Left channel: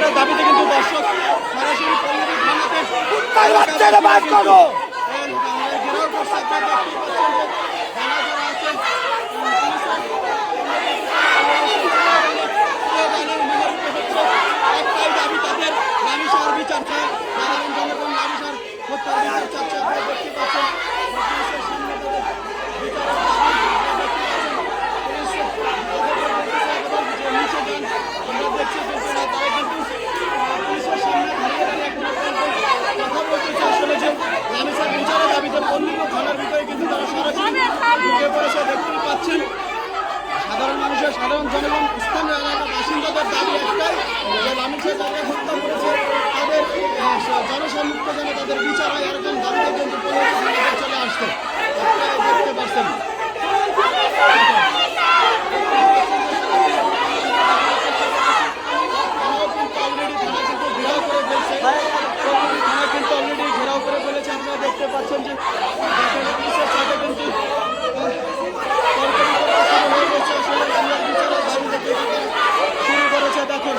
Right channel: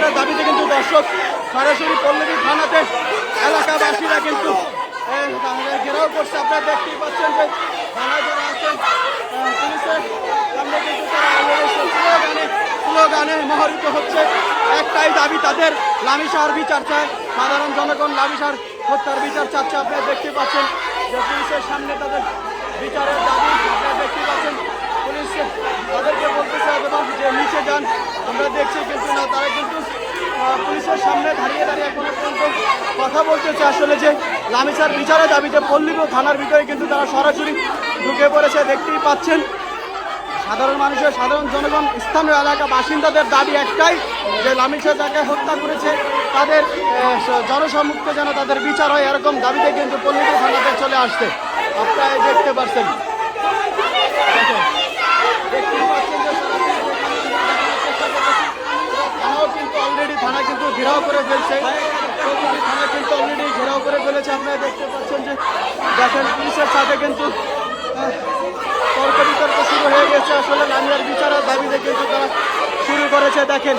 বিচারের দাবিতে কিন্তু দর্শক সরাসরি পল্লবী থানাতে এলাকাবাসীরা কিন্তু ঘেরাও করছে। আপনারা দেখতেই পাচ্ছেন যে থানা যারা আছেন পুলিশের স্লোগানে মুখরিত হচ্ছে। একটাই দাবি তাদের, লামিসার বিচার চায়। সাধারণ জনগণ লামিসার হত্যার বিচার চাচ্ছে। আপনারা দেখতে পাচ্ছেন যে পুলিশের সামনে তাদের বিচারের দাবি। আপনারা দেখতে পাচ্ছেন পুলিশ তাদেরকে বলতেছে এবং যে নিচে যান। আমরা দেখছি কিন্তু না, তারা কিন্তু পুলিশের সামনে দাঁড়িয়ে দাঁড়িয়ে এখনো পর্যন্ত কথা বলতেছে আসলে যে লামিসার বিচারের দাবিতে পল্লী থানার ভিতরে কিন্তু তারা সরাসরি ঢুকে পড়েছে। দেখতেই পাচ্ছেন সাধারণ জনগণ স্থানীয় এলাকা বাসিন্দাদের দাবি একটাই যে লামিসা যাকে হত্যা করেছে তাদের জনসম্মুখে যেন তাদের বিচার হয়, এরকম দাবিতে কিন্তু পল্লী থানাতে চলে আসছে। আপনারা দেখতে পাচ্ছেন থানাও কিন্তু অলরেডি থানা কিন্তু ঘেরাও করে ফেলছে। থানা কিন্তু অলরেডি ঘেরাও করে ফেলেছে। আপনারা দেখতে পাচ্ছেন যে দেখেন পুলিশের সাথে কিন্তু তর্ক বিতর্ক শুরু হয়ে গেছে। আসলে লামিয়ার বিচারের দাবিতে কিন্তু তারা শুরু করেছে। দেখেন